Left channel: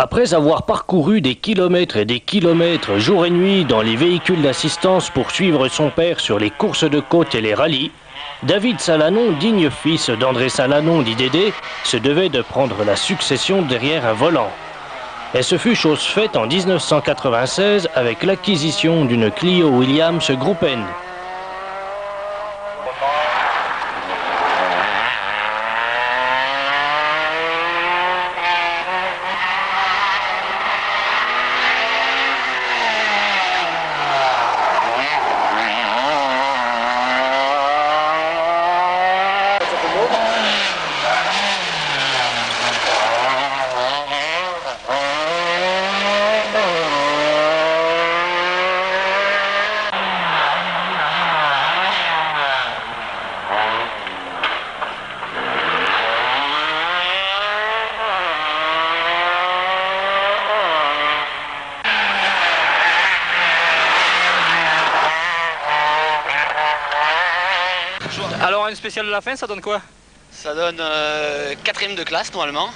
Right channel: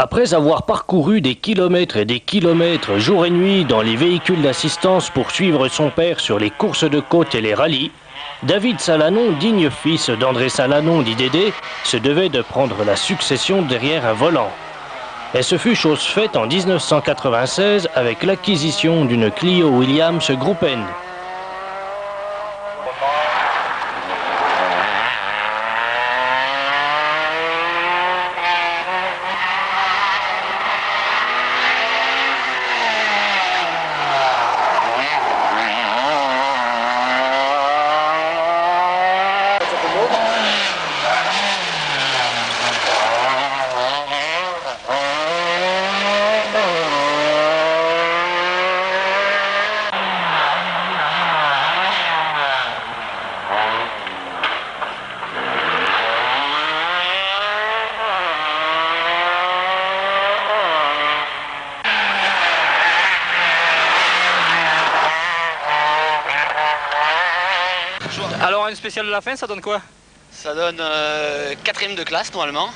Après avoir parcouru des kilomètres et des kilomètres jour et nuit dans les véhicules d'assistance pour suivre son père sur les courses de côte et les rallyes, David Salanon, digne fils d'André Salanon dit Dédé, se devait de prendre la succession derrière un volant. Et ce fut chose faite en 1996 avec l'acquisition d'une Clio Williams Group N. Alors une spéciale de la fin, ça donne quoi? Ça donne 4ème de classe normalement,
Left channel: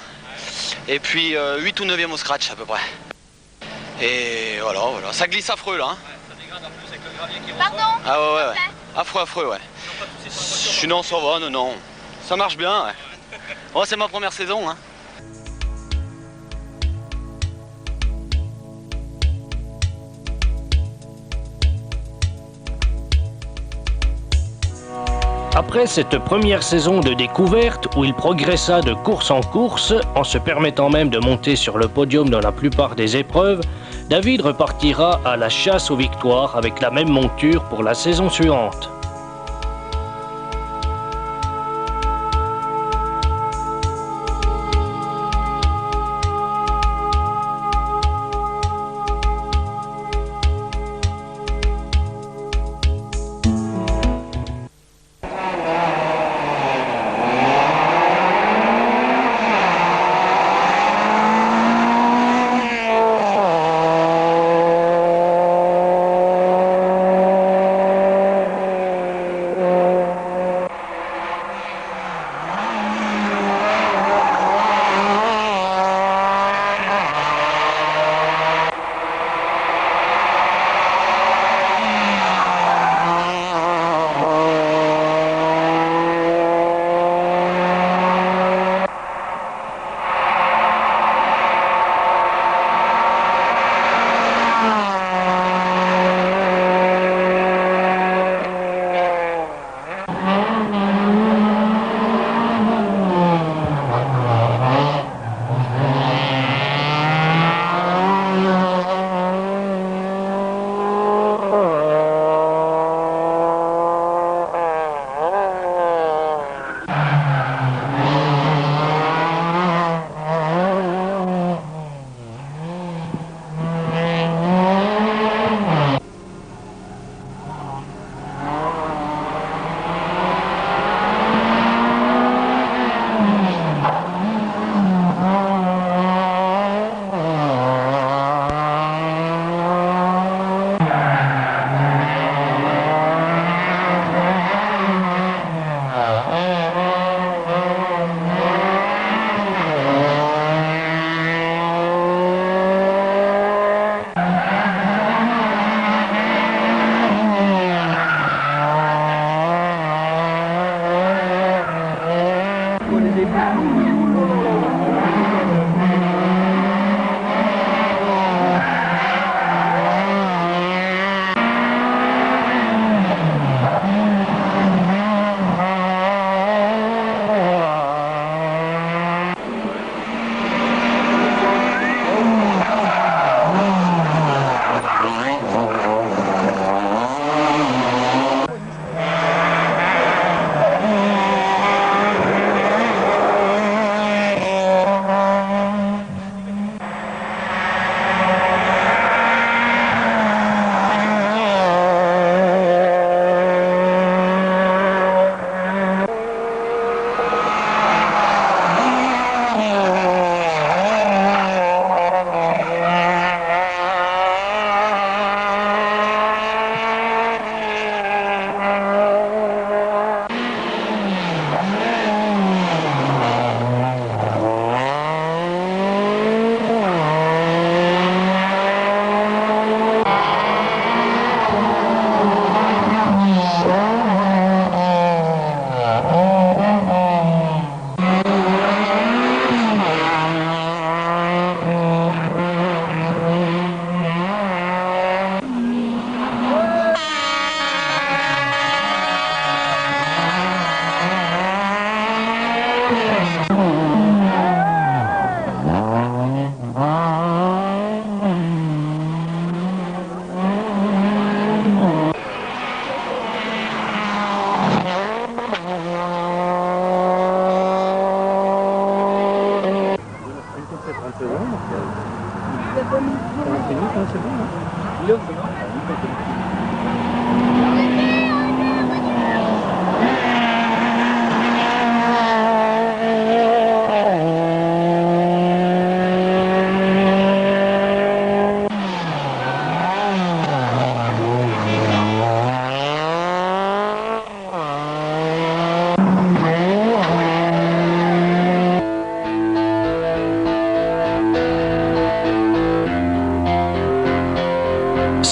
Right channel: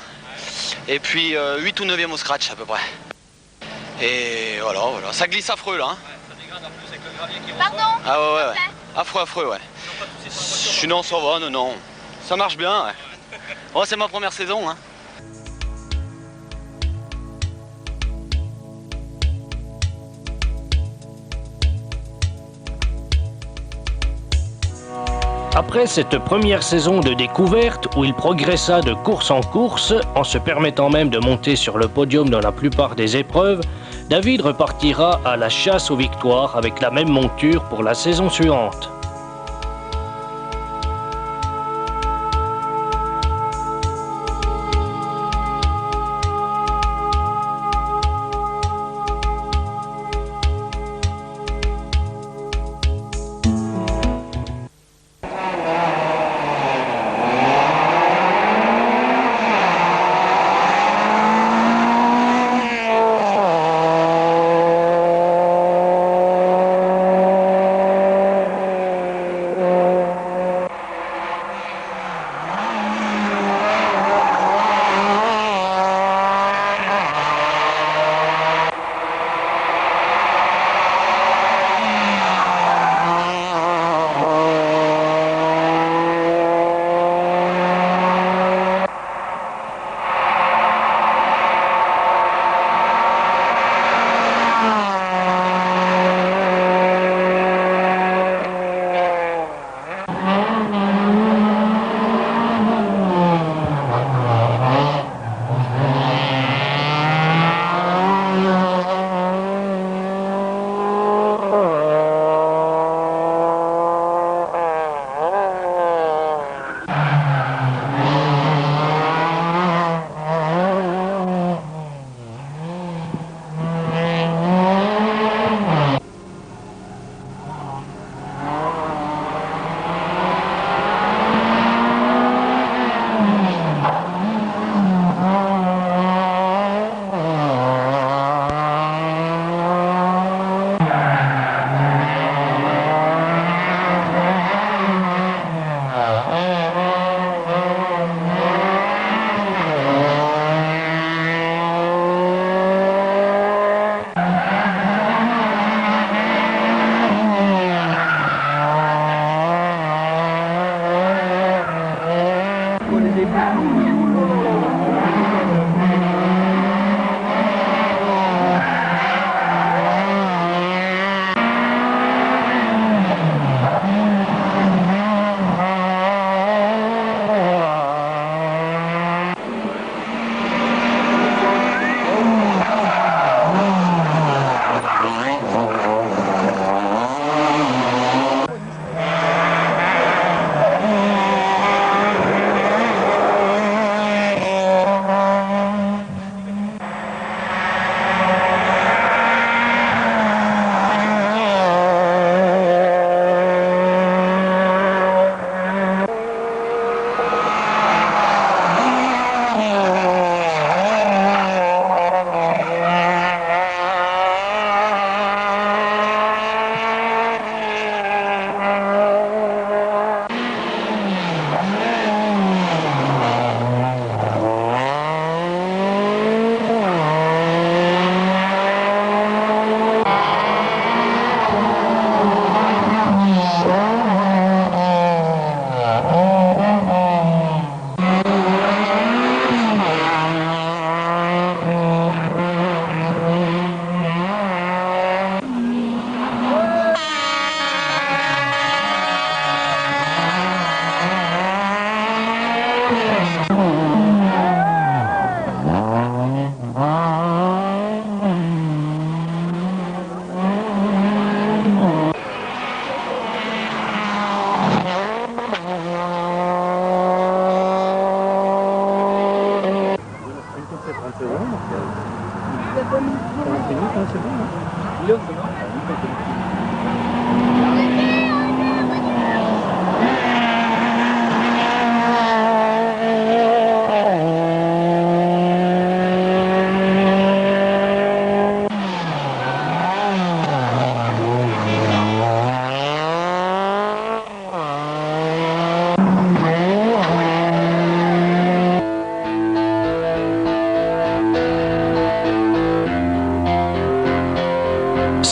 et puis 8 ou 9e au scratch à peu près. Et voilà, ça glisse affreux là. Hein. Ça dégrade en plus avec le gravier qui ressort. Pardon? Ah ouais. Affreux, ouais. Sinon ça va, non. Ça marche bien, ouais. Oh, c'est ma première saison, hein. Après cette première saison de découverte où il progressa de course en course, en se permettant même de monter sur le podium dans la plupart des épreuves, David repartira à la chasse aux victoires avec la même monture pour la saison suivante.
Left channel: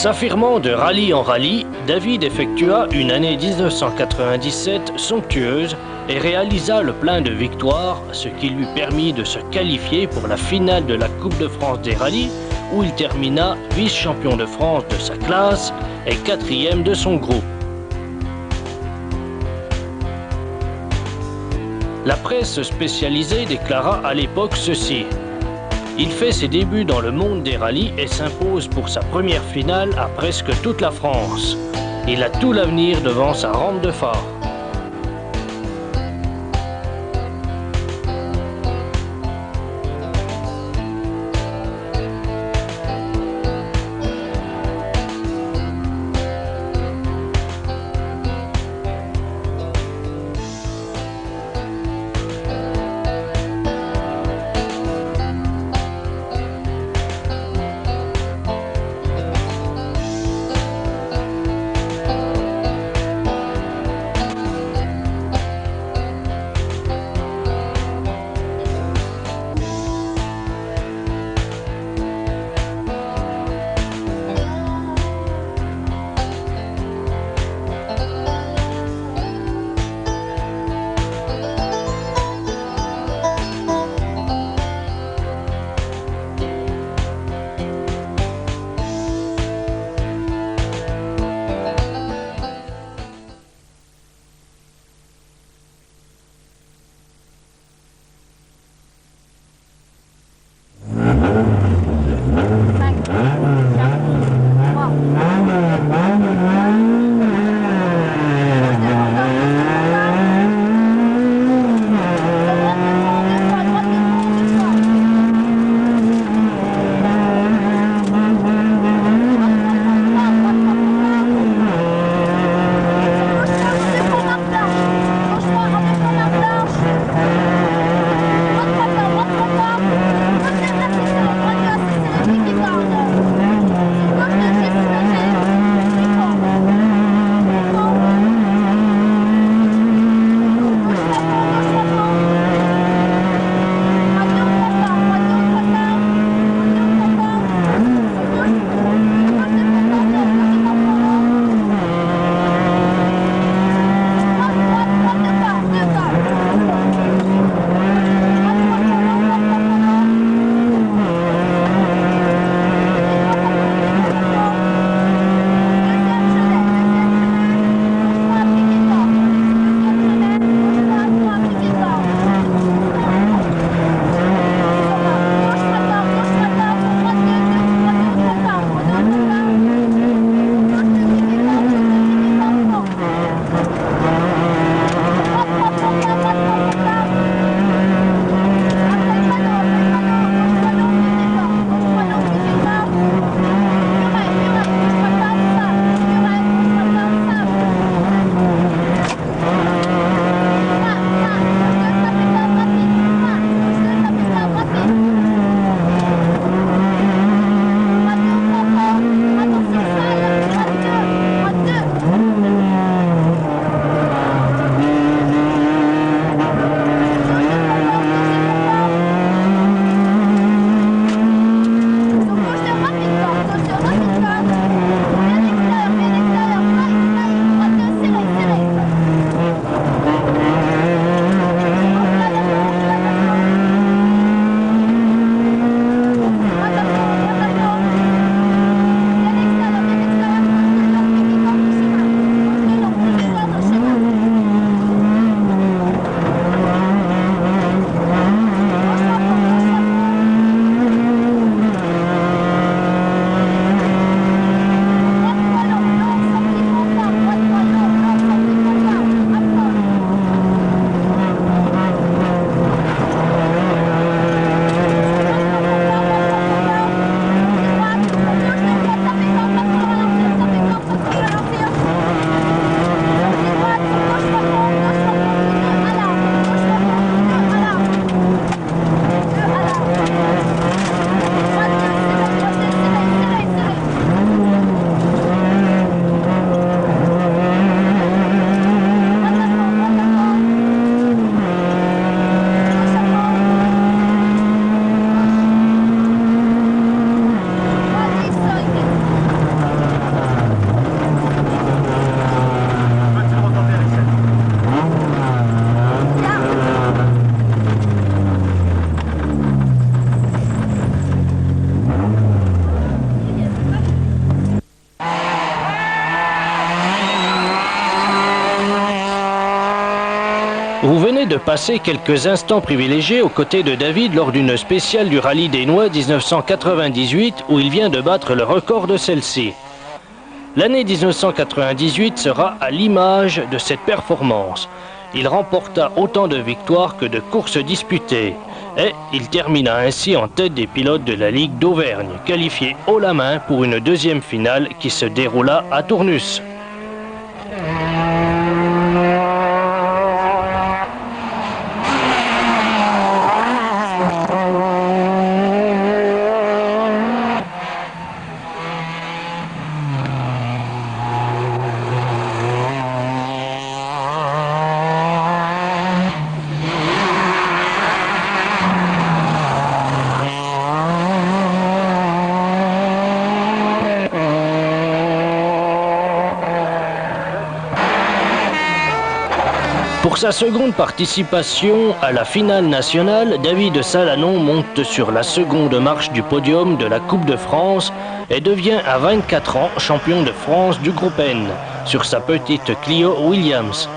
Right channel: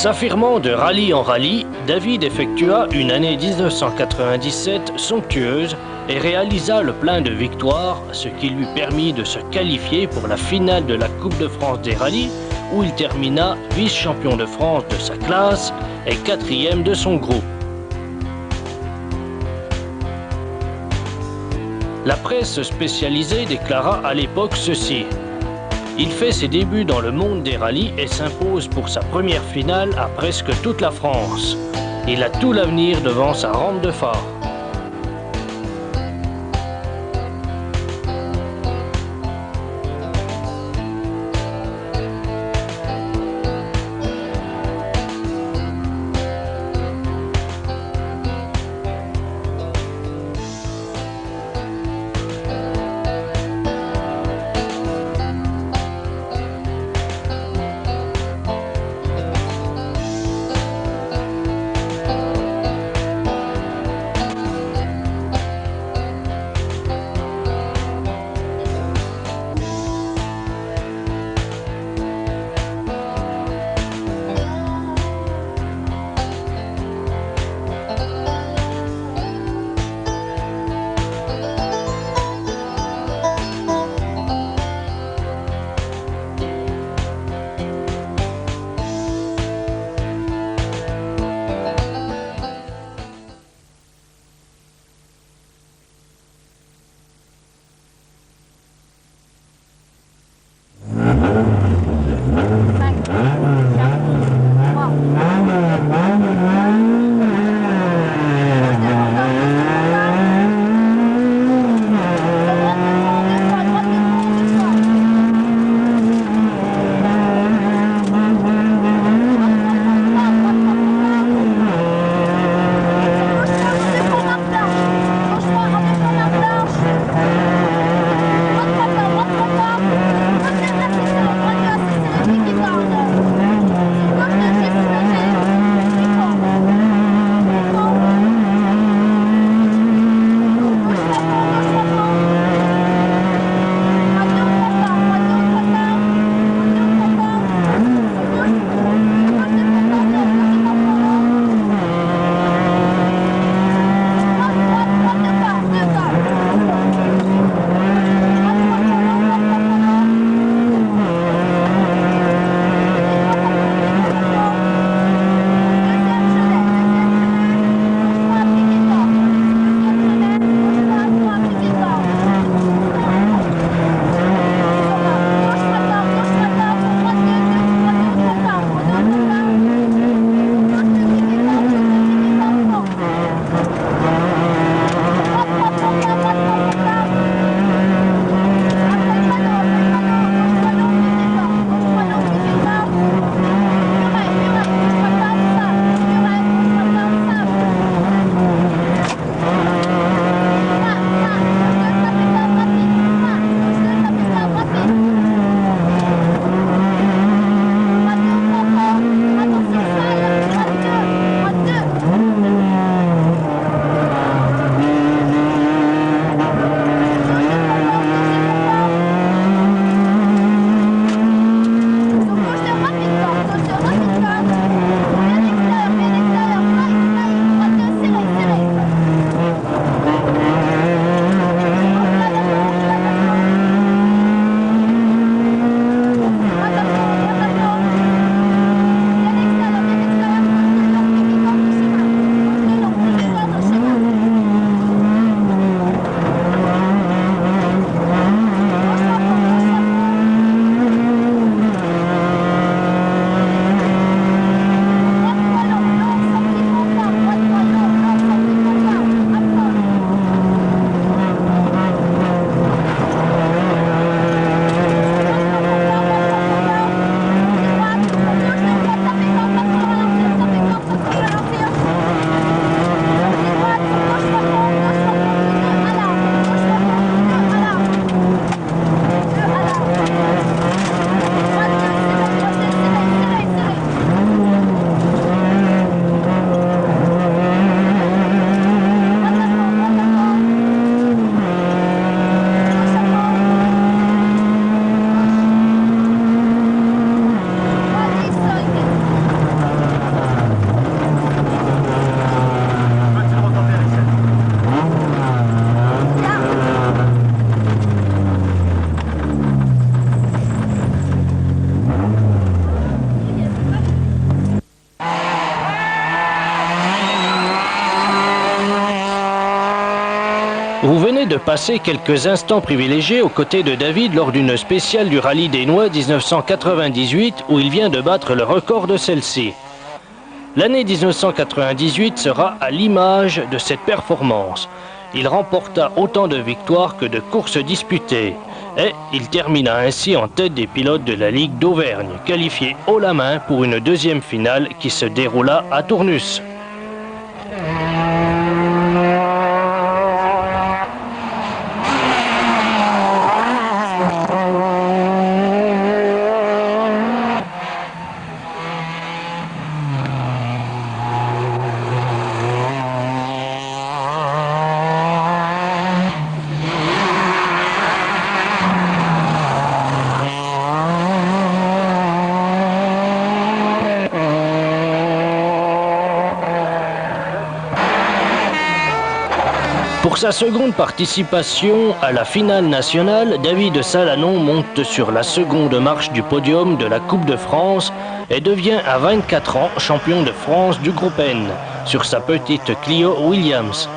S'affirmant de rallye en rallye, David effectua une année 1997 somptueuse et réalisa le plein de victoires, ce qui lui permit de se qualifier pour la finale de la Coupe de France des rallyes, où il termina vice-champion de France de sa classe et 4e de son groupe. La presse spécialisée déclara à l'époque ceci: il fait ses débuts dans le monde des rallyes et s'impose pour sa première finale à presque toute la France. Il a tout l'avenir devant sa rampe de phare. Vous venez de passer quelques instants privilégiés aux côtés de David lors d'une spéciale du Rallye des Noix 1998 où il vient de battre le record de celle-ci. L'année 1998 sera à l'image de cette performance. Il remporta autant de victoires que de courses disputées et il termina ainsi en tête des pilotes de la Ligue d'Auvergne, qualifié haut la main pour une deuxième finale qui se déroula à Tournus. Pour sa seconde participation à la finale nationale, David Salanon monte sur la seconde marche du podium de la Coupe de France et devient à 24 ans champion de France du groupe N sur sa petite Clio Williams.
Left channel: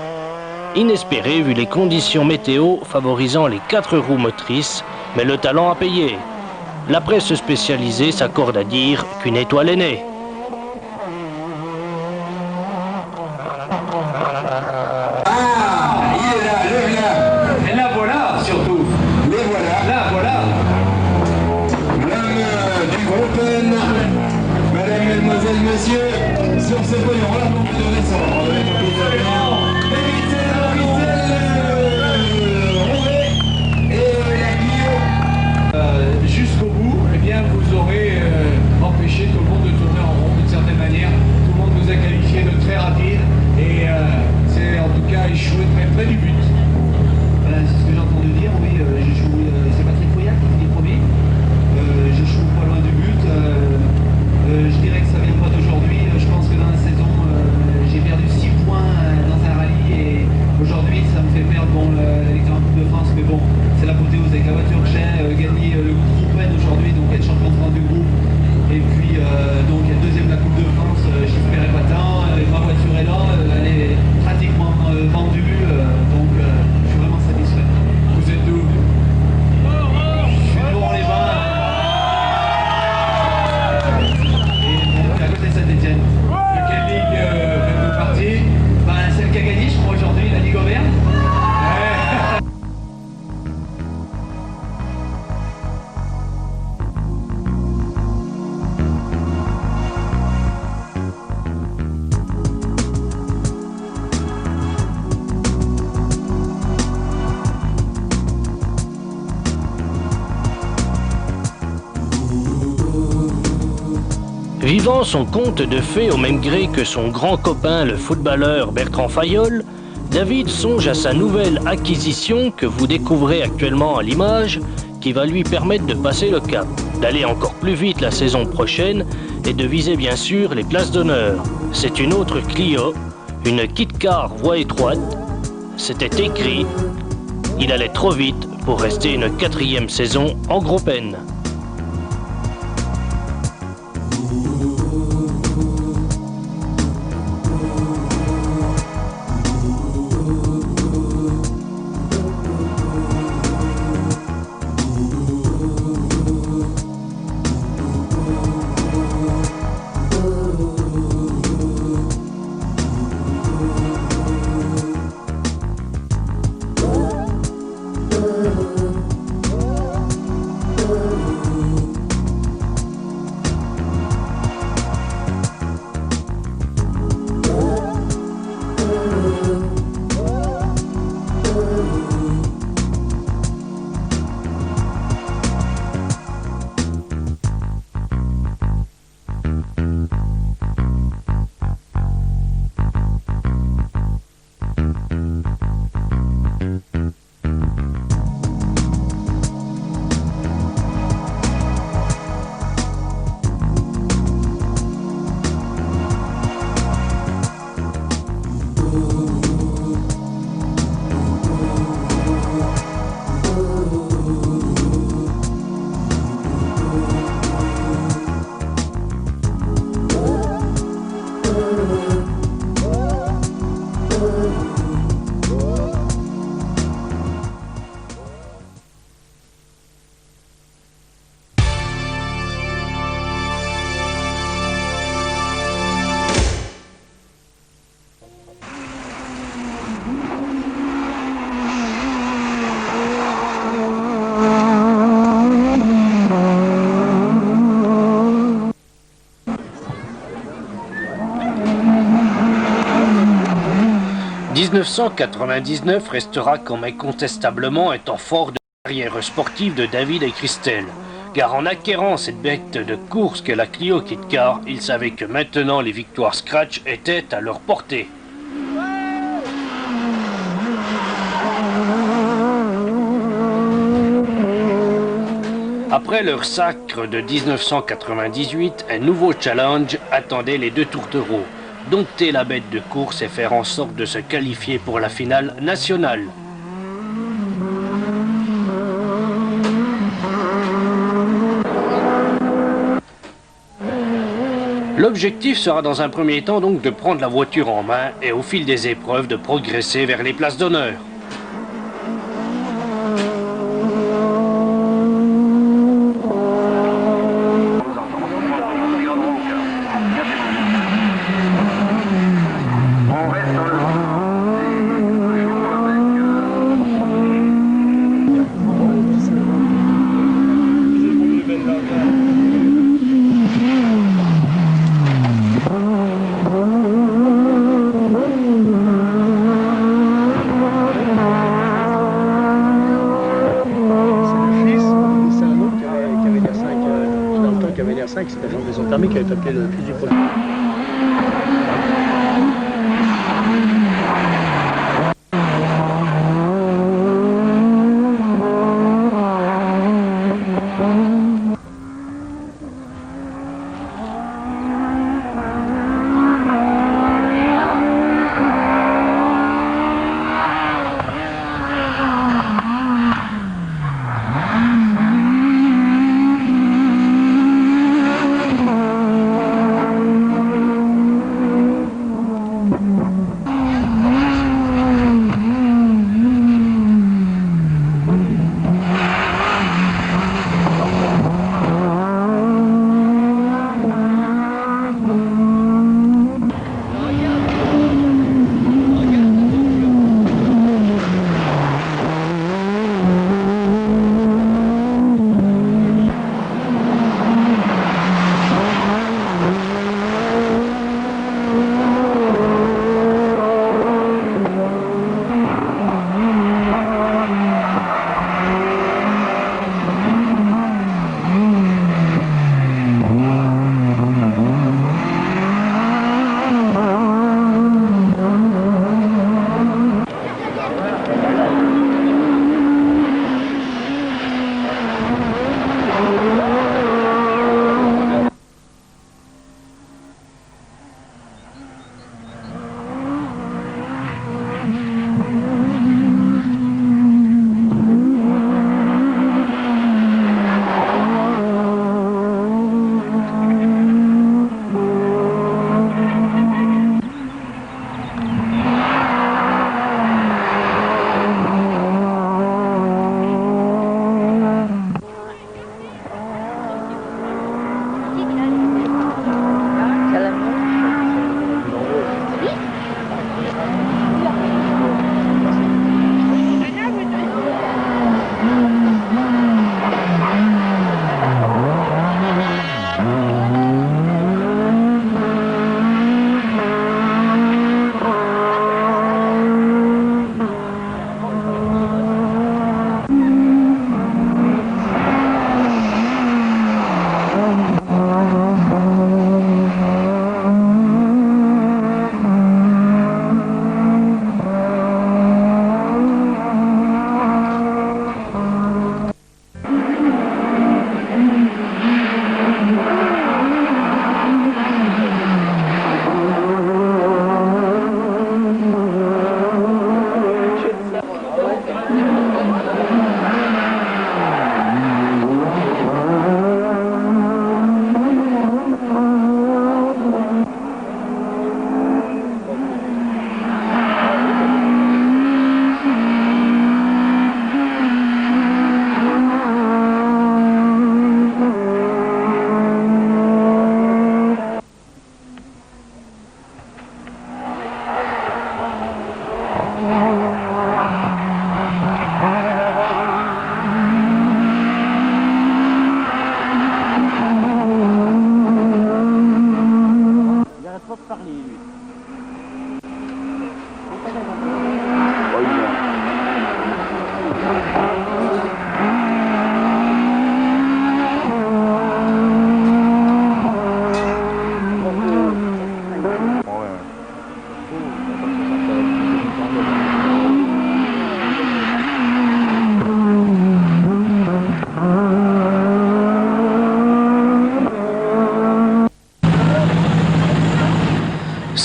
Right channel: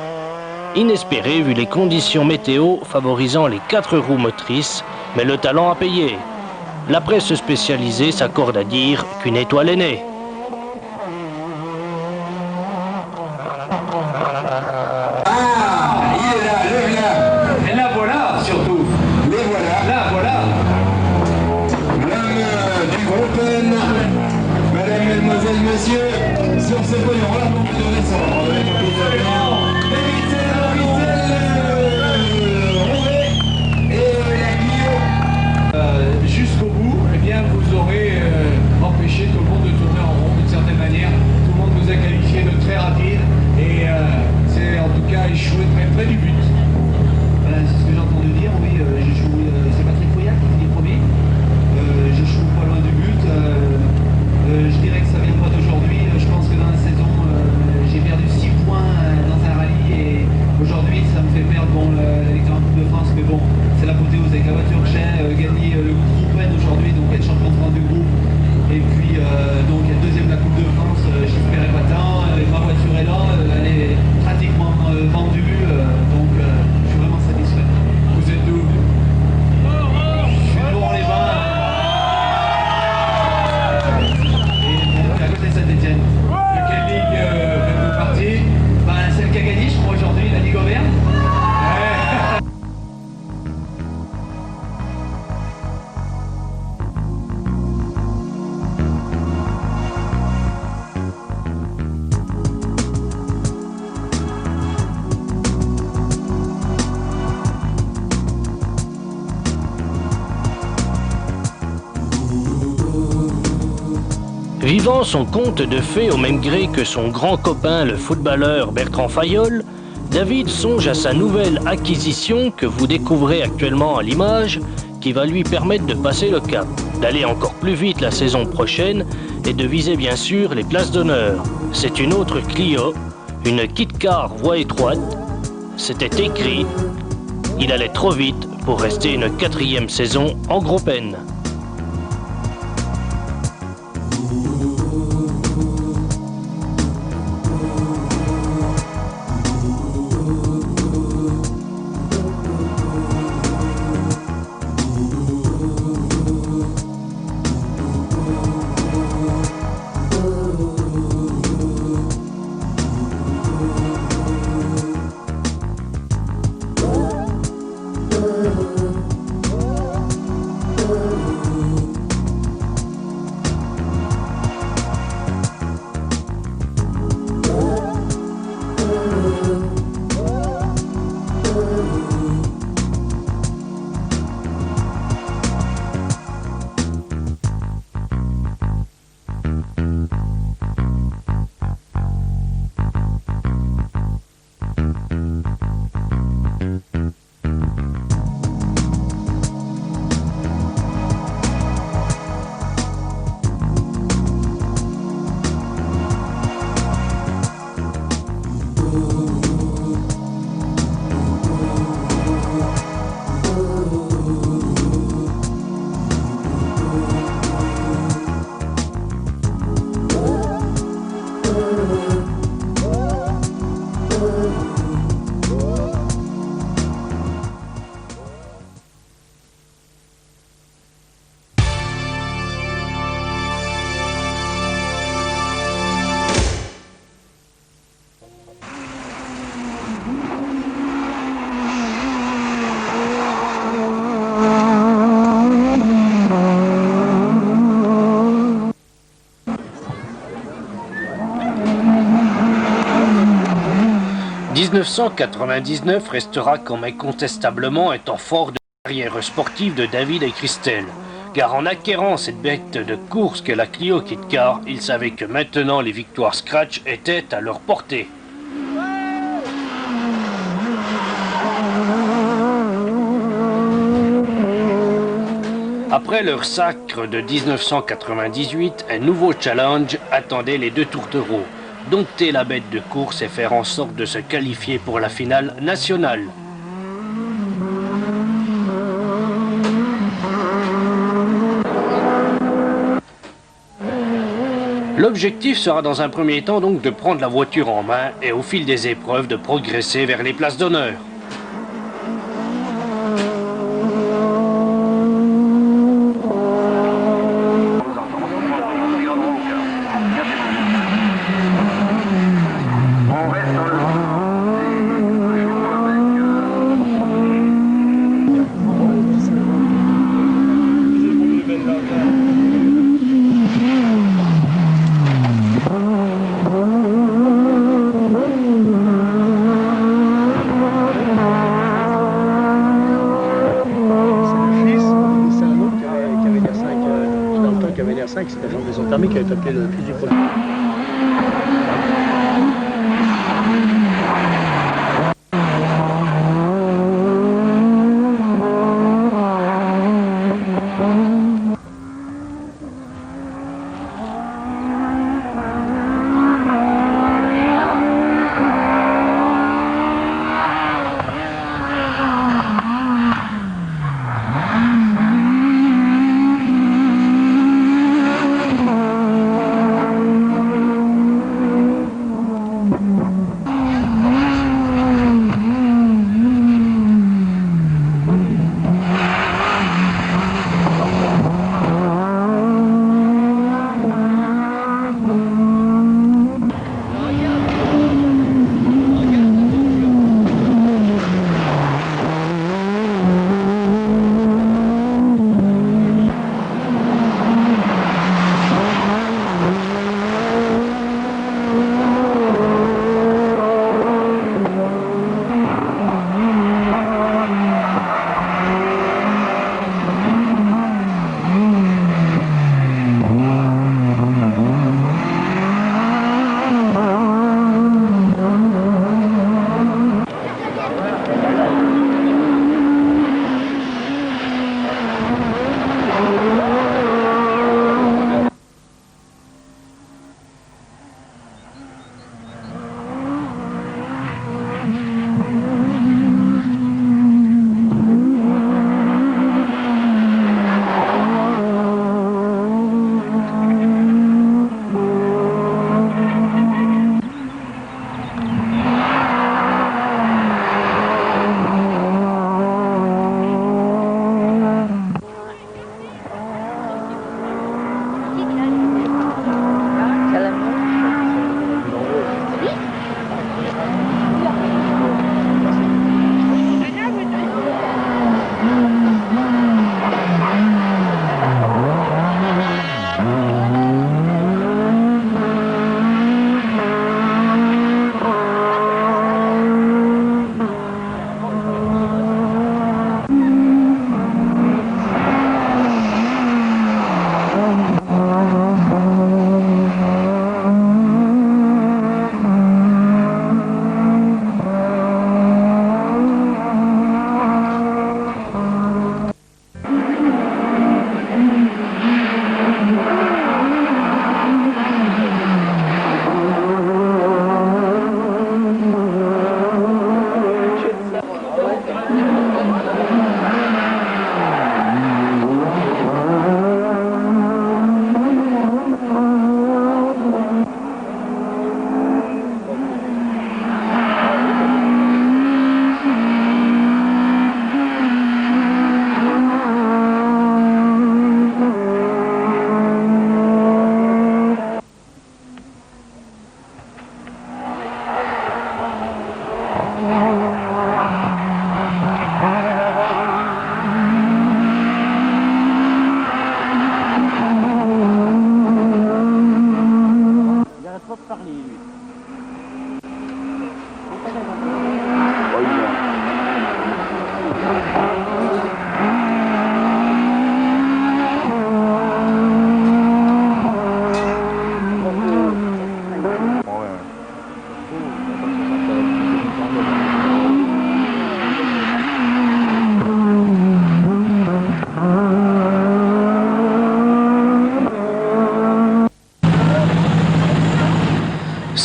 Inespéré vu les conditions météo favorisant les 4 roues motrices, mais le talent a payé. La presse spécialisée s'accorde à dire qu'une étoile est née. Messieurs, sur ce podium, donc de descendre avec et jusqu'au bout, eh bien, vous aurez empêché tout le monde de tourner en rond d'une certaine manière. Tout le monde vous a qualifié de très rapide et c'est en tout cas échoué très près du but. Voilà, c'est ce que j'ai entendu dire, oui, j'échoue, c'est Patrick Fouillard qui finit premier. J'échoue pas loin du but. Je dirais que ça vient pas d'aujourd'hui. Je pense que dans la saison, j'ai perdu 6 points dans un rallye et aujourd'hui, ça me fait perdre la victoire en Coupe de France. Mais bon, c'est l'apothéose avec la voiture que j'ai, gagner le groupe N aujourd'hui, donc être champion de France du groupe. Et puis, donc être deuxième de la Coupe de France, j'y ferai pas tant. Ma voiture est là, elle est pratiquement vendue, donc je suis vraiment satisfait. Vous êtes d'où? Je suis de Laurent-les-Bains. À côté de Saint-Etienne. De quelle ligue faites-vous partie? Celle qui a gagné, je crois, aujourd'hui, la Ligue Auvergne. Vivant son conte de fées au même gré que son grand copain le footballeur Bertrand Fayolle, David songe à sa nouvelle acquisition que vous découvrez actuellement à l'image, qui va lui permettre de passer le cap, d'aller encore plus vite la saison prochaine et de viser bien sûr les places d'honneur. C'est une autre Clio, une Kit Car voie étroite. C'était écrit, il allait trop vite pour rester une 4e saison en groupe N. 1999 restera comme incontestablement un temps fort de la carrière sportive de David et Christelle. Car en acquérant cette bête de course que la Clio Kit Car, ils savaient que maintenant les victoires Scratch étaient à leur portée. Après leur sacre de 1998, un nouveau challenge attendait les deux tourtereaux. Dompter la bête de course et faire en sorte de se qualifier pour la finale nationale. L'objectif sera dans un premier temps donc de prendre la voiture en main et au fil des épreuves de progresser vers les places d'honneur. C'est la chambre des zones thermiques qui avait tapé le plus du projet.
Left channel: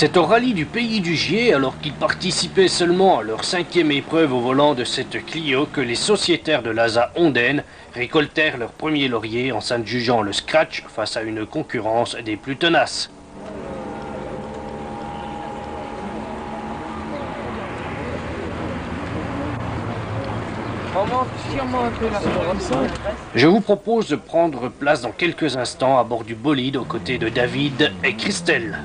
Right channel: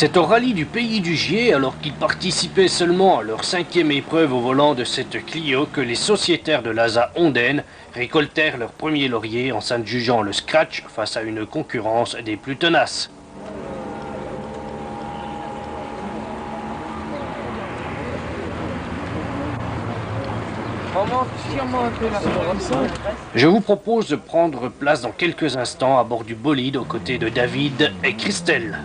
C'est au rallye du Pays du Gier, alors qu'ils participaient seulement à leur 5e épreuve au volant de cette Clio, que les sociétaires de l'ASA Ondaine récoltèrent leur premier laurier en s'adjugeant le scratch face à une concurrence des plus tenaces. Je vous propose de prendre place dans quelques instants à bord du bolide aux côtés de David et Christelle.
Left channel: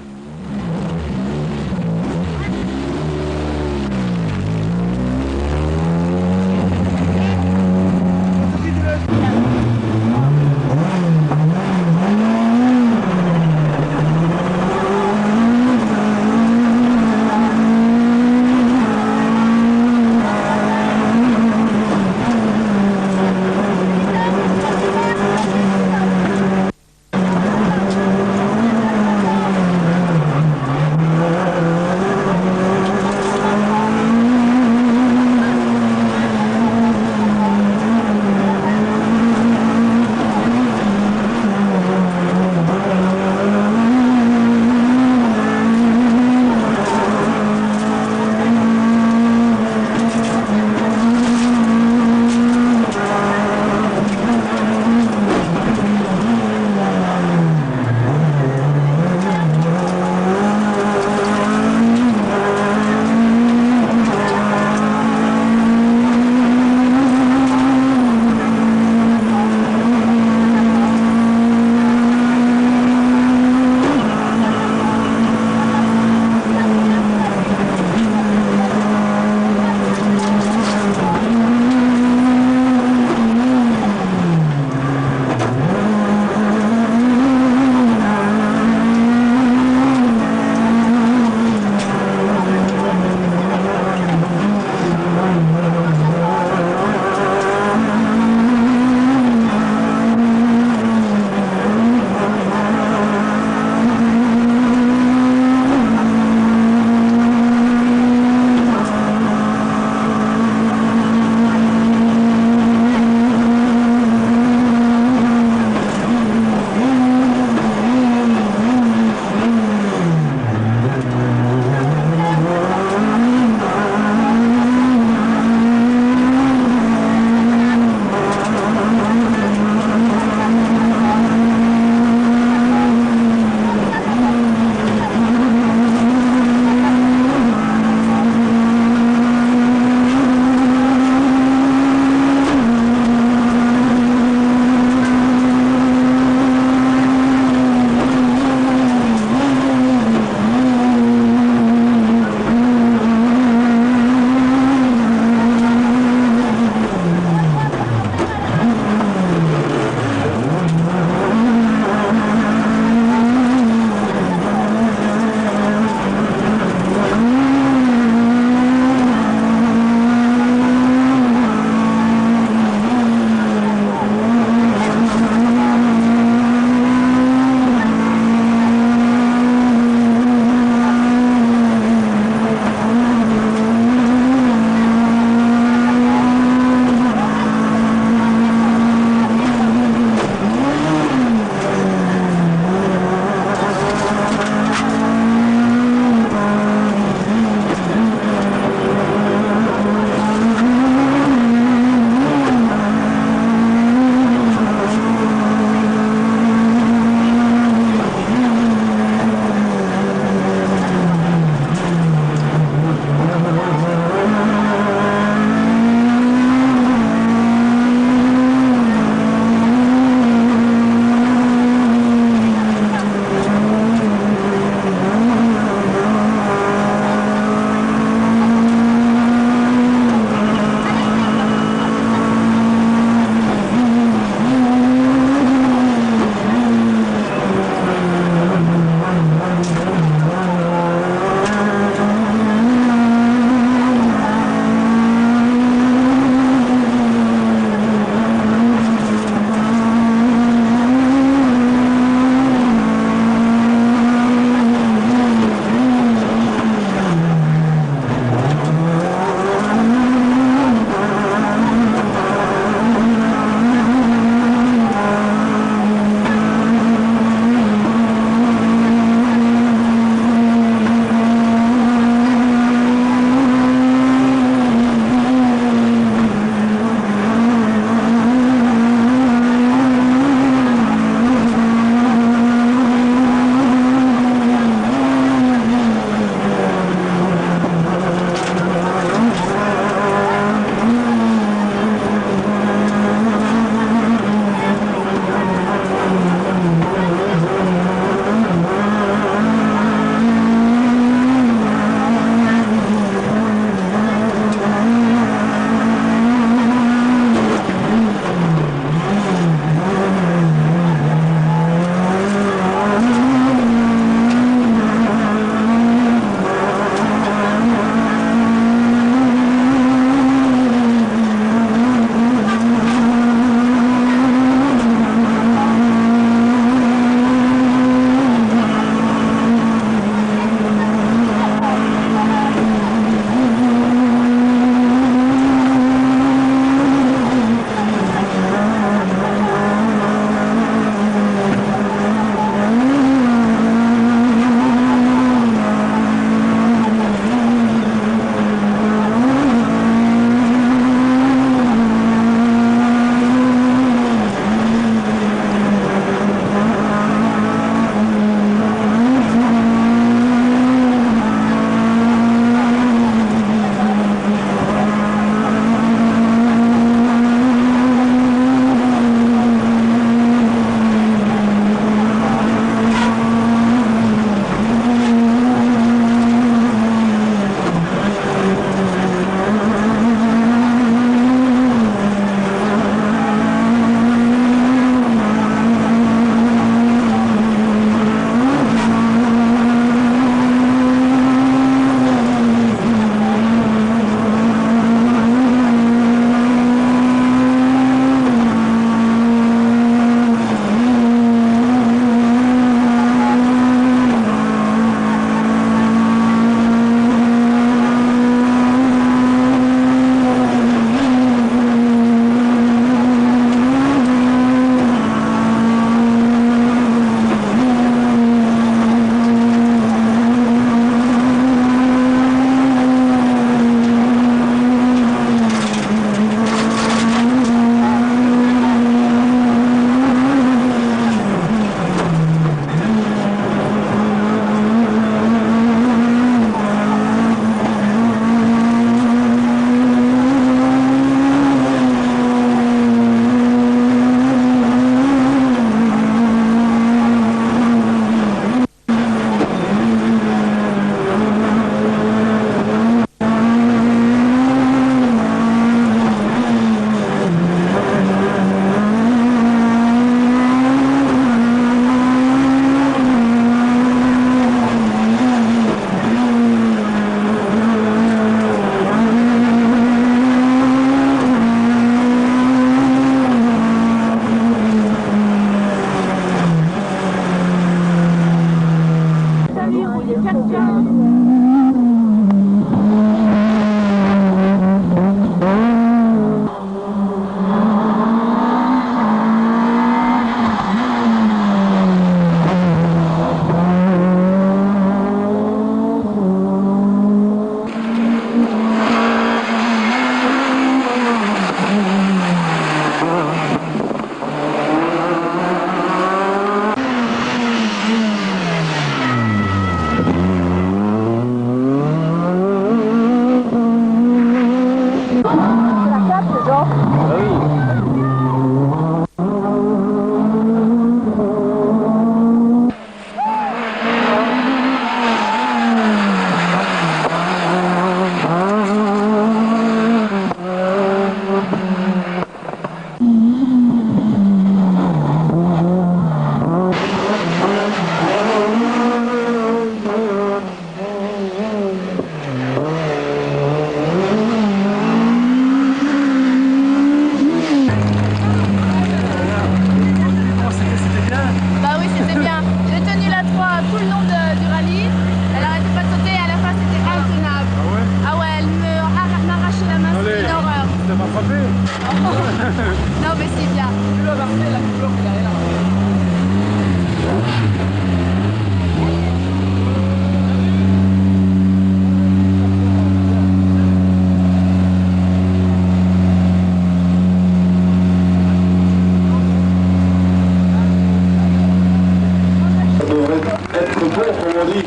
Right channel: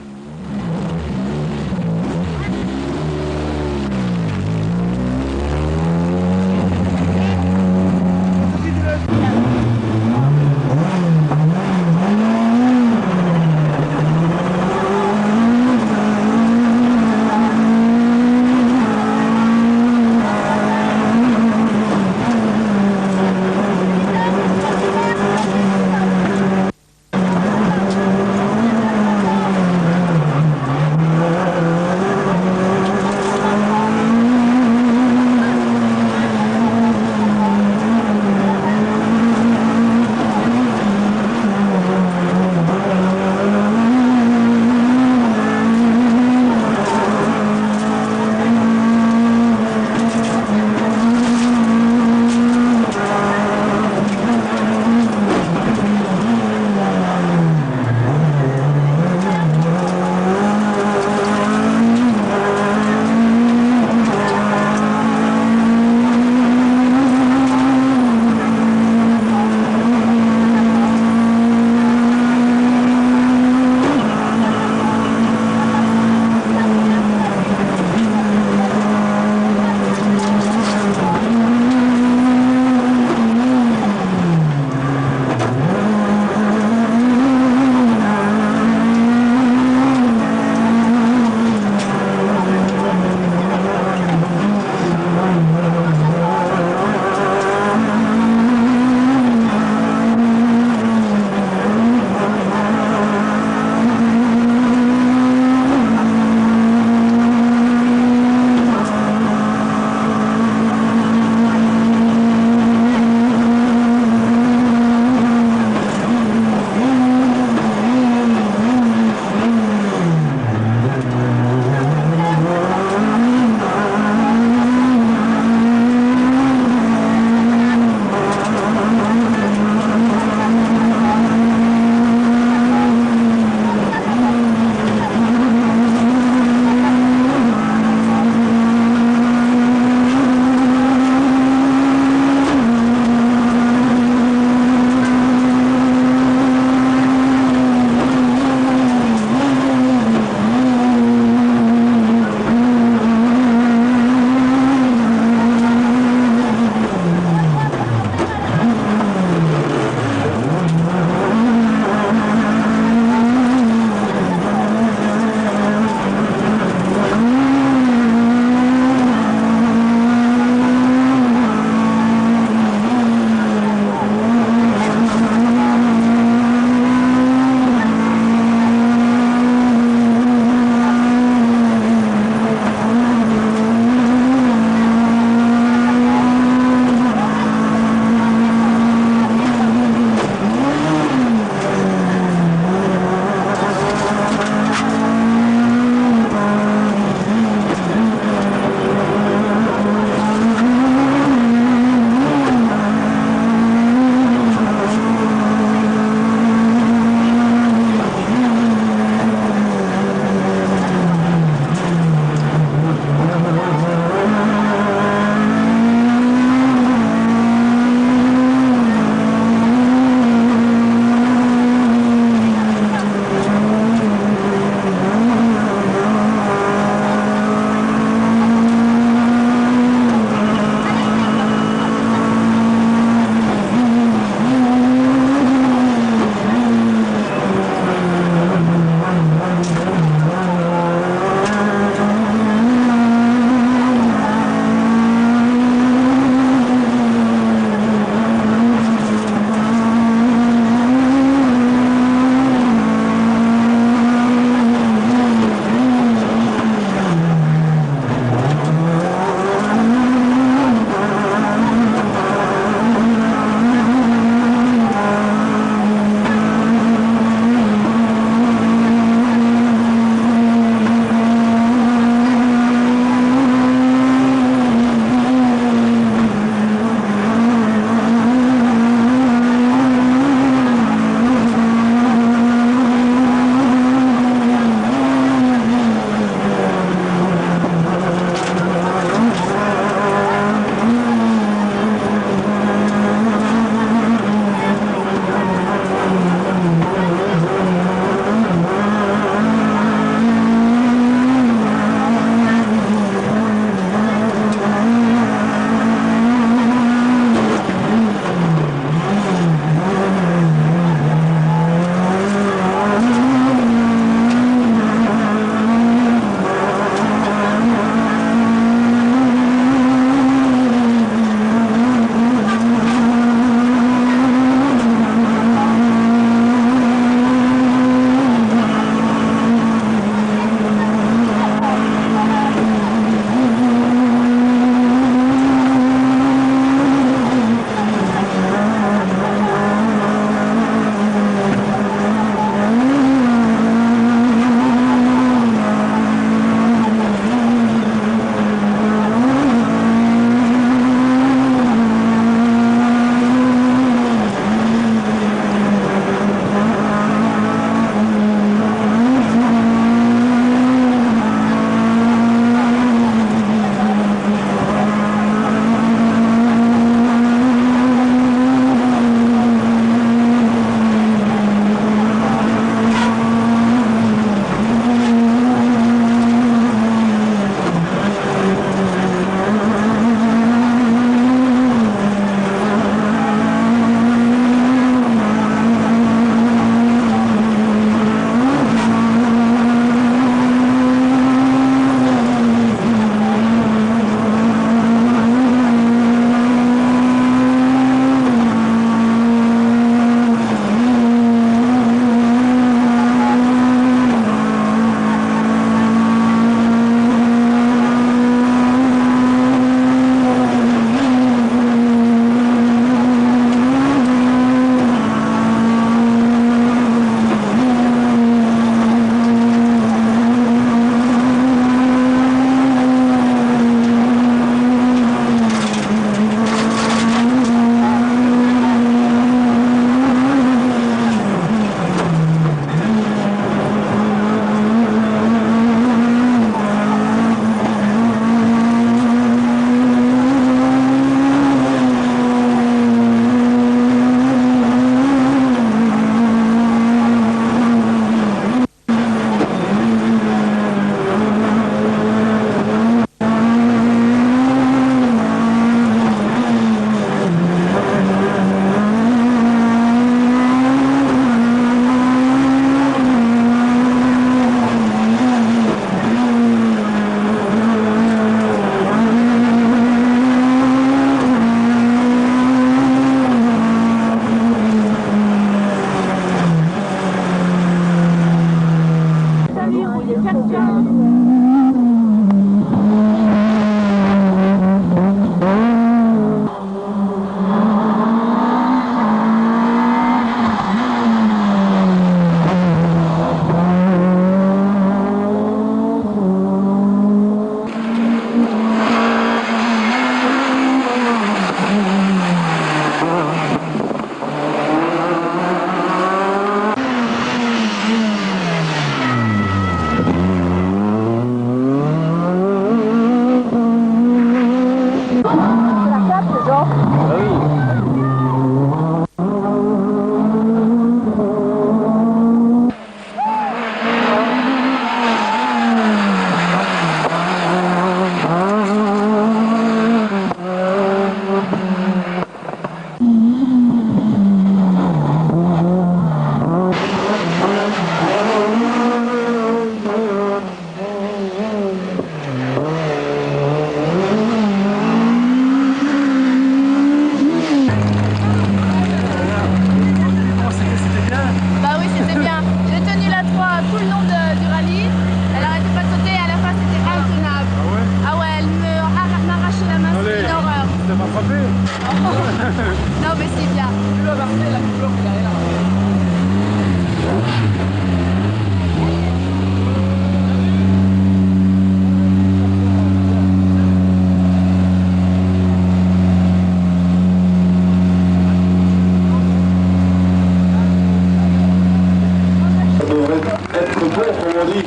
être bon, comme on dit.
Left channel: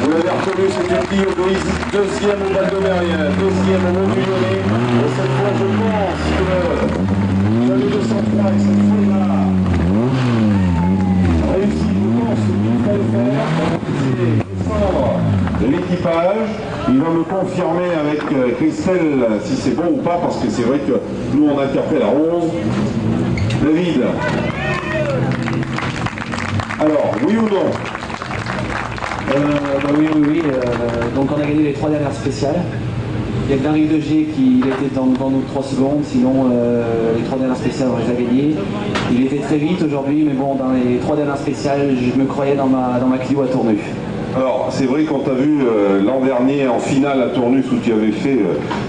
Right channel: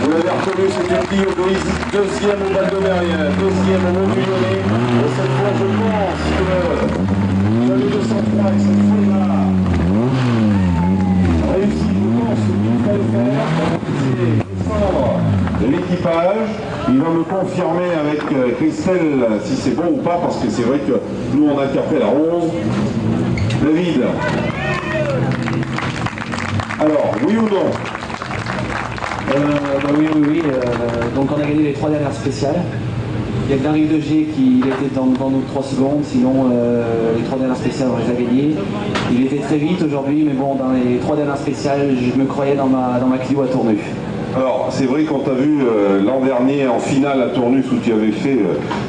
Vous l'avez reconnu, c'est une Clio grise, deuxième au Val-de-Mérien, deuxième au Mont-du-Lyonnais. Et cette fois, je pense que j'avais 203 avec cette fois-là. Réussi, je pense qu'il fallait faire. C'est descendre de l'équipage. Il va me confirmer avec Christelle si c'est bon ou pas, parce que c'est vrai que nous on a interpellé à 11. David. Alors, oui ou non? Oui. Donc on a gagné les 3 dernières spéciales. Il y a que Darry Degier qui était devant nous 3 secondes, sinon les 3 dernières spéciales on les a gagnées. Il était très vite aujourd'hui, mais bon, dans les 3 dernières spéciales, je me croyais dans ma Clio à Tournus. Alors, c'est vrai qu'on t'a vu l'an dernier en finale à Tournus où tu avais fait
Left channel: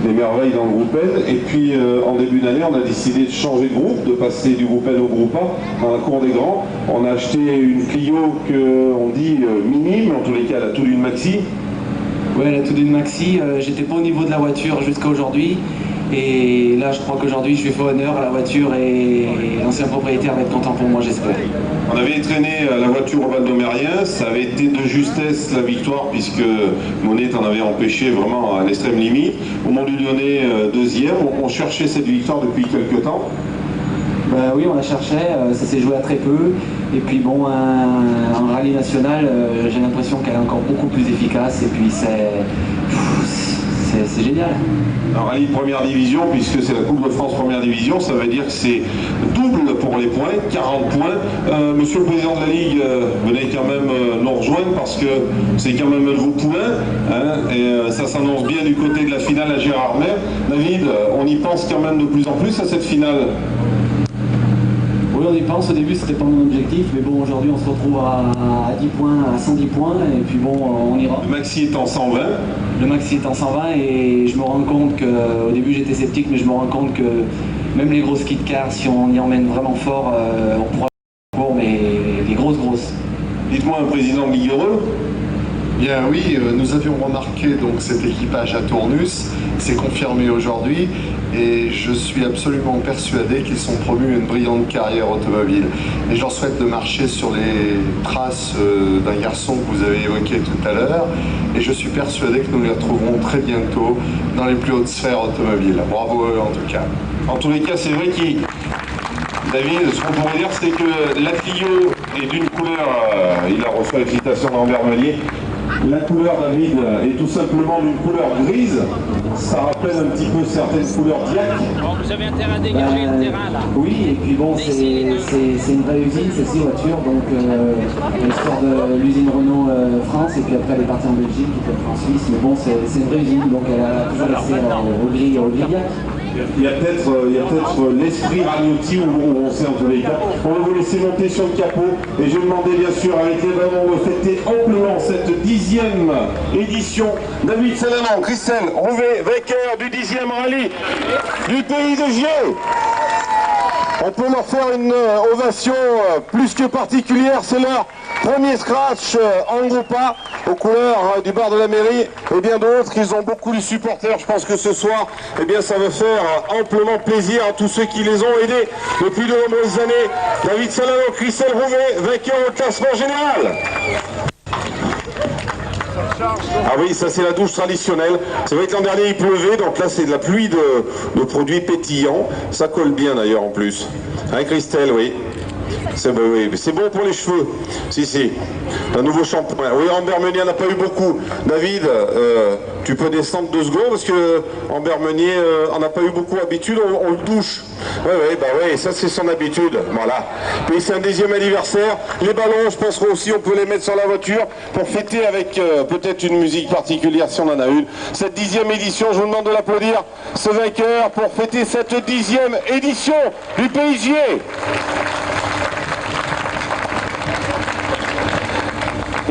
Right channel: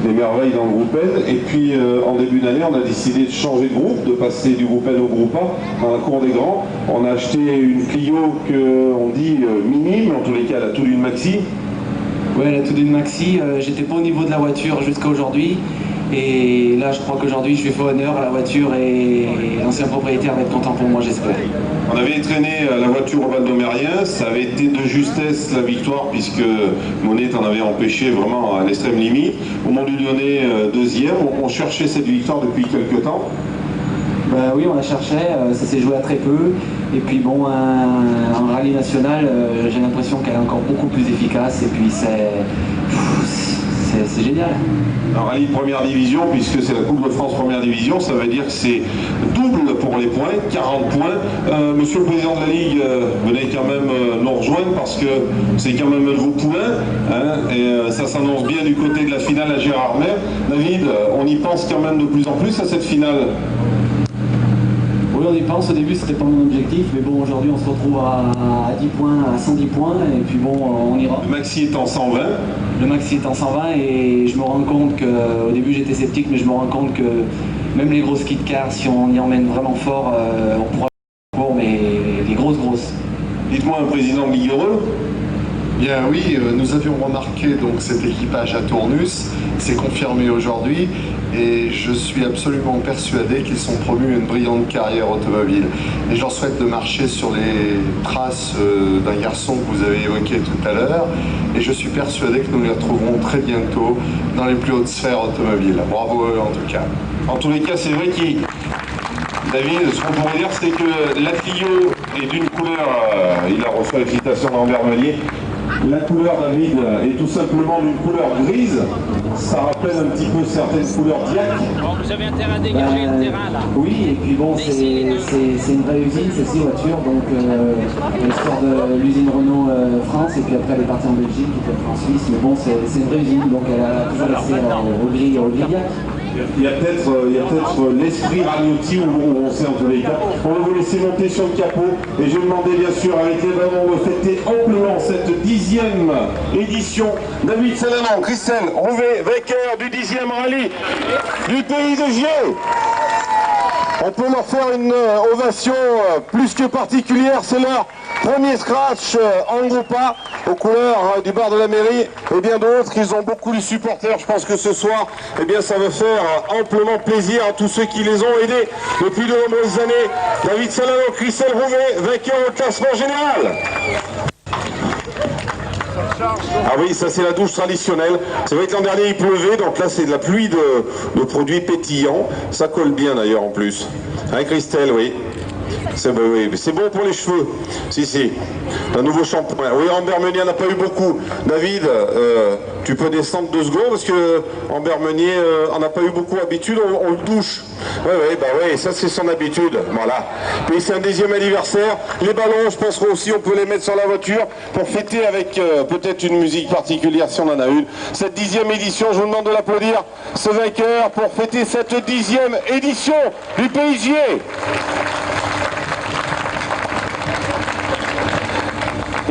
des merveilles dans le groupe N. Et puis en début d'année, on a décidé de changer de groupe, de passer du groupe N au groupe A dans la cour des grands. On a acheté une Clio qu'on dit minime, en tous les cas la Toudoune Maxi. Ouais, la Toudoune Maxi, j'étais pas au niveau de la voiture jusqu'à aujourd'hui. Et là, je crois qu'aujourd'hui, je lui fais honneur à la voiture et l'ancien propriétaire va être content pour moi, j'espère. On avait traîné la voiture au Val-de-Mérien, ça avait été de justesse la victoire puisque Monet t'en avait empêché vraiment à l'extrême limite. Au Mont-du-Lyonnais, deuxième, on cherchait cette victoire depuis quelques temps. Bah oui, on la cherchait, ça s'est joué à très peu. Et puis bon, un rallye national, j'ai l'impression qu'elle est encore beaucoup plus efficace et puis c'est génial. Un rallye de première division, puisque c'est la Coupe de France première division, ça veut dire que c'est double pour les points, 40 points. Monsieur le Président de la Ligue, venez quand même nous rejoindre parce que c'est quand même vos poulains, hein, et ça s'annonce bien du côté de la finale à Gérardmer. David, on y pense quand même de plus en plus à cette finale. Oui, on y pense. Au début, c'était pas mon objectif, mais bon, aujourd'hui, on se retrouve à 10 points, à 110 points, et puis bon, on ira. Le maxi est en 120. Le maxi est en 120, et je me rends compte que, au début, j'étais sceptique, mais je me rends compte que même les grosses kit cars, si on y emmène vraiment fort, on pourra pour, mais les grosses. Dites-moi, un président de Ligue Heureux. Bien oui, nous avions remarqué donc cet équipage à Tournus, c'est confirmé aujourd'hui et je suis absolument persuadé qu'ils sont promus à une brillante carrière automobile. Et je leur souhaite de marcher sur les traces d'un garçon que vous avez évoqué tout à l'heure et je suis persuadé que nous les retrouverons très bientôt dans les plus hautes sphères automobiles. Bravo à eux en tout cas. En tous les cas, c'est vrai qu'il... David, ce qu'on pourrait dire, c'est que la Clio est d'une couleur, il a reçu l'excitation d'Ambert Meunier. La couleur, David, est tout simplement d'une couleur grise. Ça rappelle un petit peu certaines couleurs d'IAC. Bon, vous avez intérêt à dégager le terrain là. Oui, et puis bon, c'est une vraie usine, ces 6 voitures. Donc, elle sort de l'usine Renault France, et puis après, elle est partie en Belgique, et puis après en Suisse. Mais bon, c'est une vraie usine, donc elle a toujours resté au gris IAC. Il y a peut-être l'esprit Ragnotti où on sait en tous les cas. On va vous laisser monter sur le capot et je vais demander bien sûr avec les ballons de fêter amplement cette 10e édition. David Salanon, Christelle Rouvet, vainqueur du 10e rallye du pays de Gier. On peut leur faire une ovation plus que particulière, c'est leur premier scratch en groupe A, aux couleurs du bar de la mairie et bien d'autres. Ils ont beaucoup de supporters, je pense que ce soir, eh bien, ça va faire amplement plaisir à tous ceux qui les ont aidés depuis de nombreuses années. David Salanon, Christelle Rouvet, vainqueur au classement général. Ah oui, ça c'est la douche traditionnelle. C'est vrai que l'an dernier il pleuvait, donc là c'est de la pluie de produits pétillants. Ça colle bien d'ailleurs en plus. Hein Christelle, oui. C'est bon pour les cheveux. Si. Un nouveau shampoing. Oui, Ambert Meunier n'a pas eu beaucoup. David, tu peux descendre 2 secondes parce que Ambert Meunier en a pas eu beaucoup d'habitude. On le douche. Oui, ça c'est son habitude. Voilà. Puis c'est un 10e anniversaire. Les ballons, je pense aussi on peut les mettre sur la voiture pour fêter avec peut-être une musique particulière si on en a une. Cette 10e édition, je vous demande de l'applaudir. Ce vainqueur pour fêter cette 10e édition du Pays de Gier.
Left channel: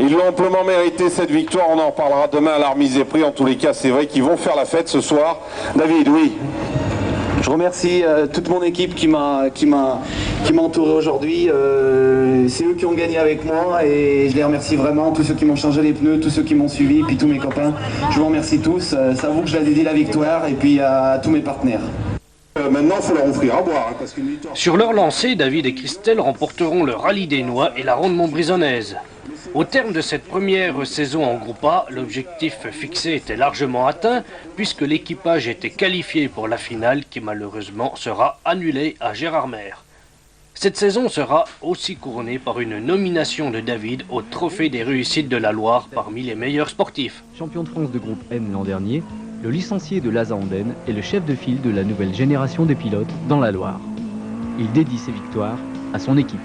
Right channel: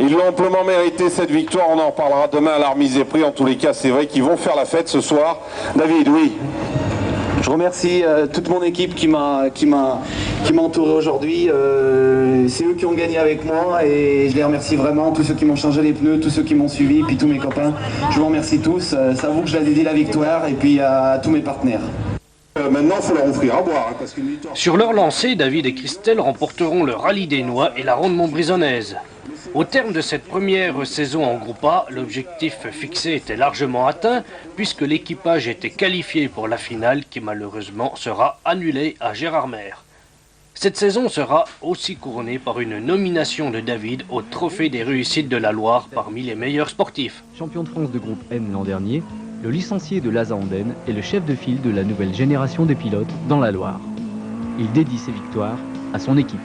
Ils l'ont amplement mérité cette victoire, on en reparlera demain à la remise des prix. En tous les cas, c'est vrai qu'ils vont faire la fête ce soir. David, oui. Je remercie toute mon équipe qui m'a entouré aujourd'hui. C'est eux qui ont gagné avec moi et je les remercie vraiment. Tous ceux qui m'ont changé les pneus, tous ceux qui m'ont suivi, puis tous mes copains. Je vous remercie tous. C'est à vous que je la dédie la victoire et puis à tous mes partenaires. Maintenant, il faut leur offrir à boire. Sur leur lancée, David et Christelle remporteront le rallye des Noix et la ronde montbrisonnaise. Au terme de cette première saison en Groupe A, l'objectif fixé était largement atteint puisque l'équipage était qualifié pour la finale qui malheureusement sera annulée à Gérardmer. Cette saison sera aussi couronnée par une nomination de David au Trophée des réussites de la Loire parmi les meilleurs sportifs. Champion de France de groupe M l'an dernier, le licencié de l'ASA Andenne est le chef de file de la nouvelle génération de pilotes dans la Loire. Il dédie ses victoires à son équipe.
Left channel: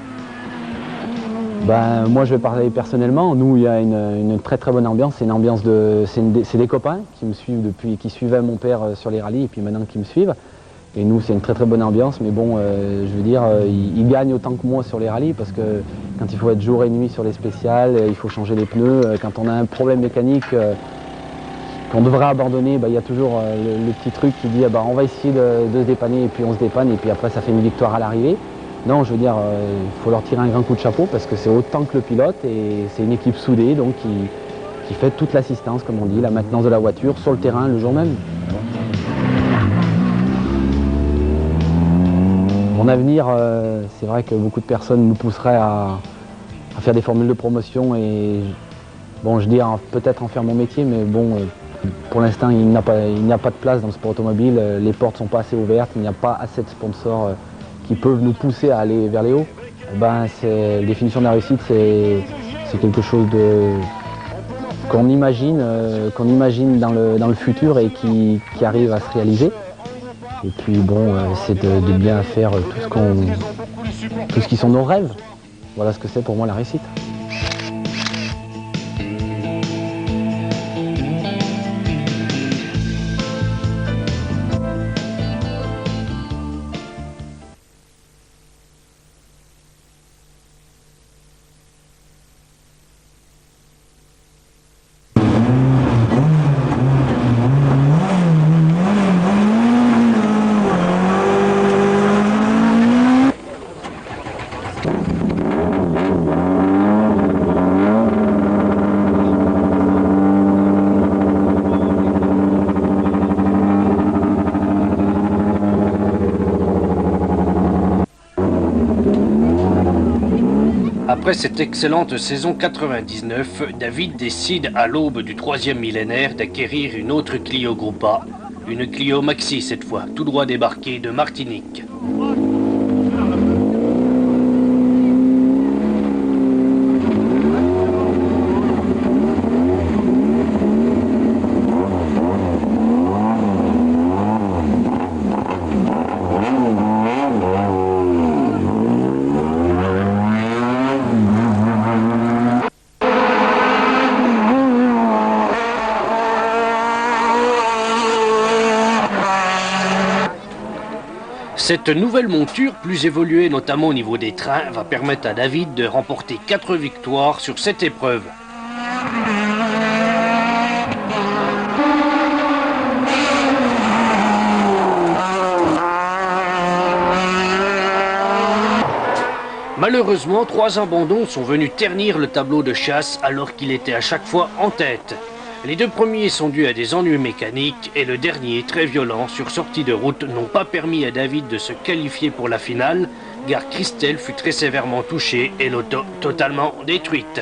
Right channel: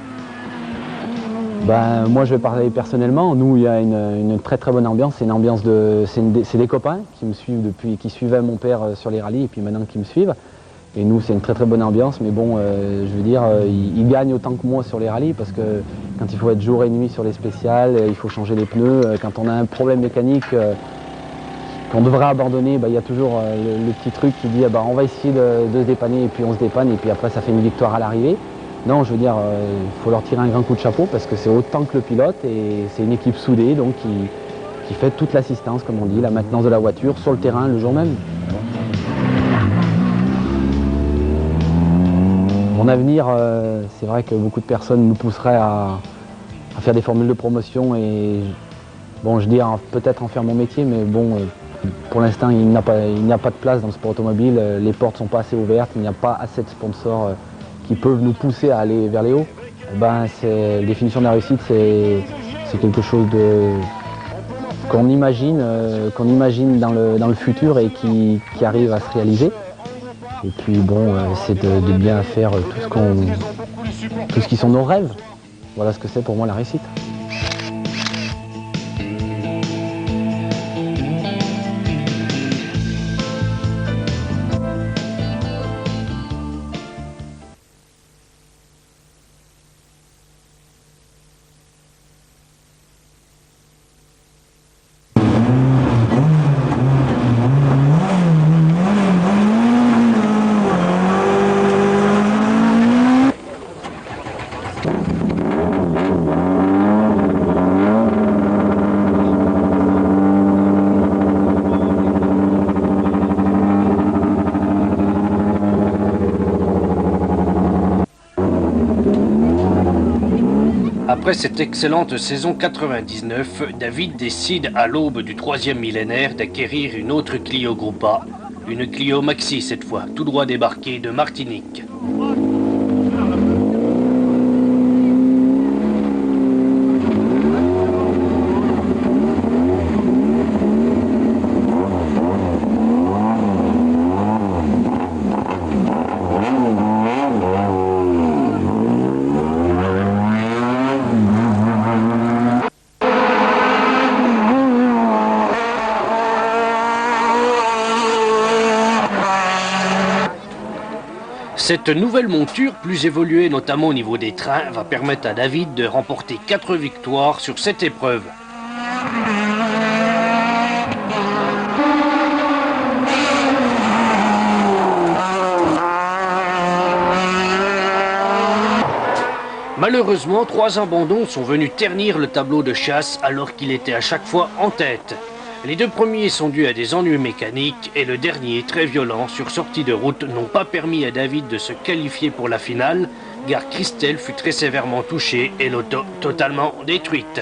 Moi je vais parler personnellement, nous il y a une très très bonne ambiance, c'est des copains qui me suivent depuis, qui suivaient mon père sur les rallyes et puis maintenant qui me suivent. Et nous c'est une très très bonne ambiance, mais bon je veux dire, ils gagnent autant que moi sur les rallyes parce que quand il faut être jour et nuit sur les spéciales, il faut changer les pneus, quand on a un problème mécanique qu'on devrait abandonner, il y a toujours le petit truc qui dit on va essayer de se dépanner et puis on se dépanne et puis après ça fait une victoire à l'arrivée. Non, je veux dire, il faut leur tirer un grand coup de chapeau parce que c'est autant que le pilote et c'est une équipe soudée donc qui fait toute l'assistance, comme on dit, la maintenance de la voiture sur le terrain le jour même. Mon avenir, c'est vrai que beaucoup de personnes nous pousseraient à faire des formules de promotion et bon, je dis peut-être en faire mon métier, mais bon, pour l'instant, il n'y a pas de place dans le sport automobile, les portes ne sont pas assez ouvertes, il n'y a pas assez de sponsors qui peuvent nous pousser à aller vers les hauts. La définition de la réussite, c'est quelque chose qu'on imagine dans le futur et qui arrive à se réaliser. Et puis bon, c'est de bien faire tout ce qui sont nos rêves. Voilà ce que c'est pour moi la réussite. Après cette excellente saison 99, David décide à l'aube du 3e millénaire d'acquérir une autre Clio Groupe A, une Clio Maxi cette fois, tout droit débarquée de Martinique. Cette nouvelle monture, plus évoluée notamment au niveau des trains, va permettre à David de remporter 4 victoires sur cette épreuve. Malheureusement, 3 abandons sont venus ternir le tableau de chasse alors qu'il était à chaque fois en tête. Les 2 premiers sont dus à des ennuis mécaniques et le dernier, très violent, sur sortie de route, n'ont pas permis à David de se qualifier pour la finale, car Christelle fut très sévèrement touchée et l'auto totalement détruite.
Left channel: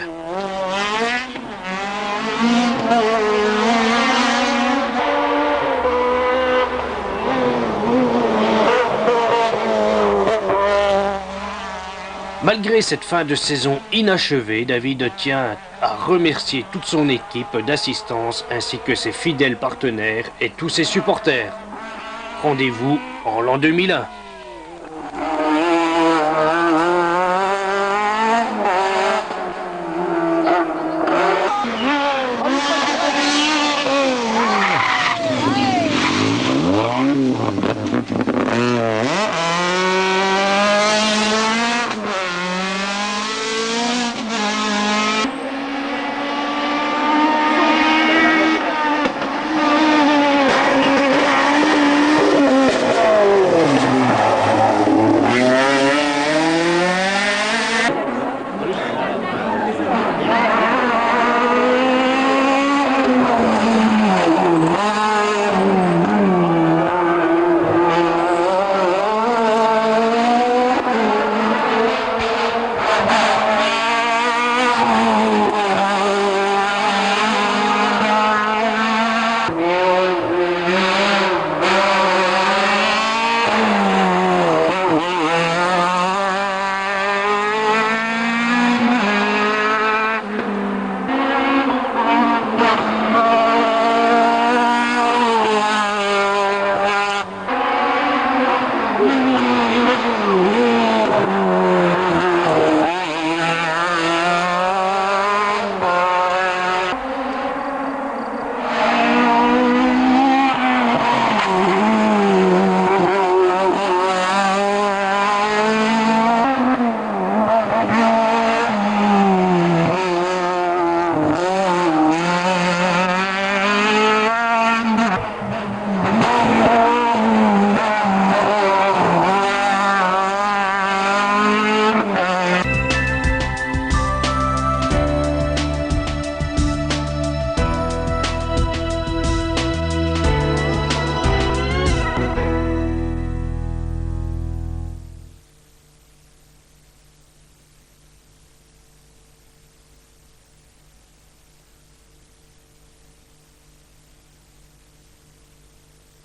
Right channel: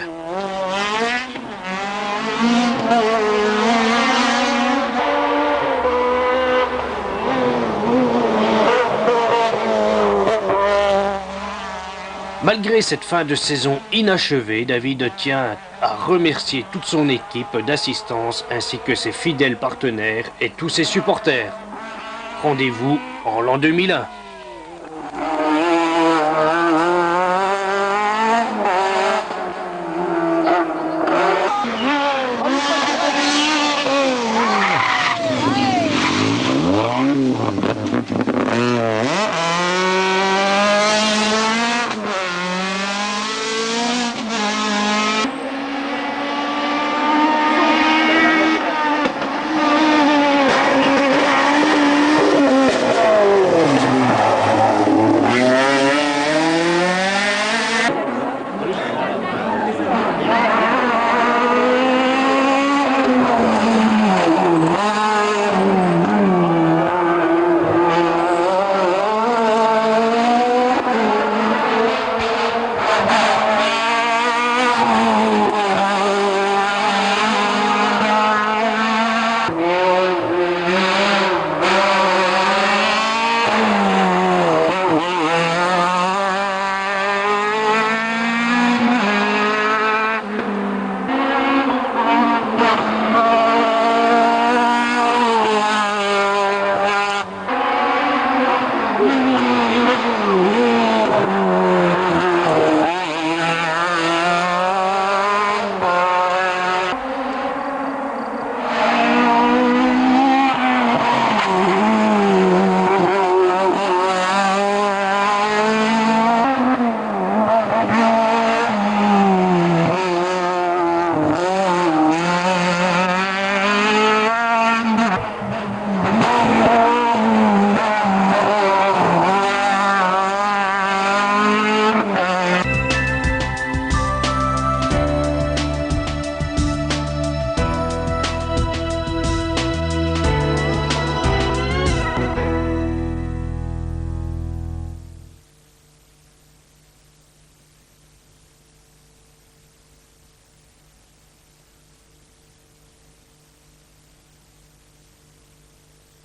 Malgré cette fin de saison inachevée, David tient à remercier toute son équipe d'assistance ainsi que ses fidèles partenaires et tous ses supporters. Rendez-vous en l'an 2001.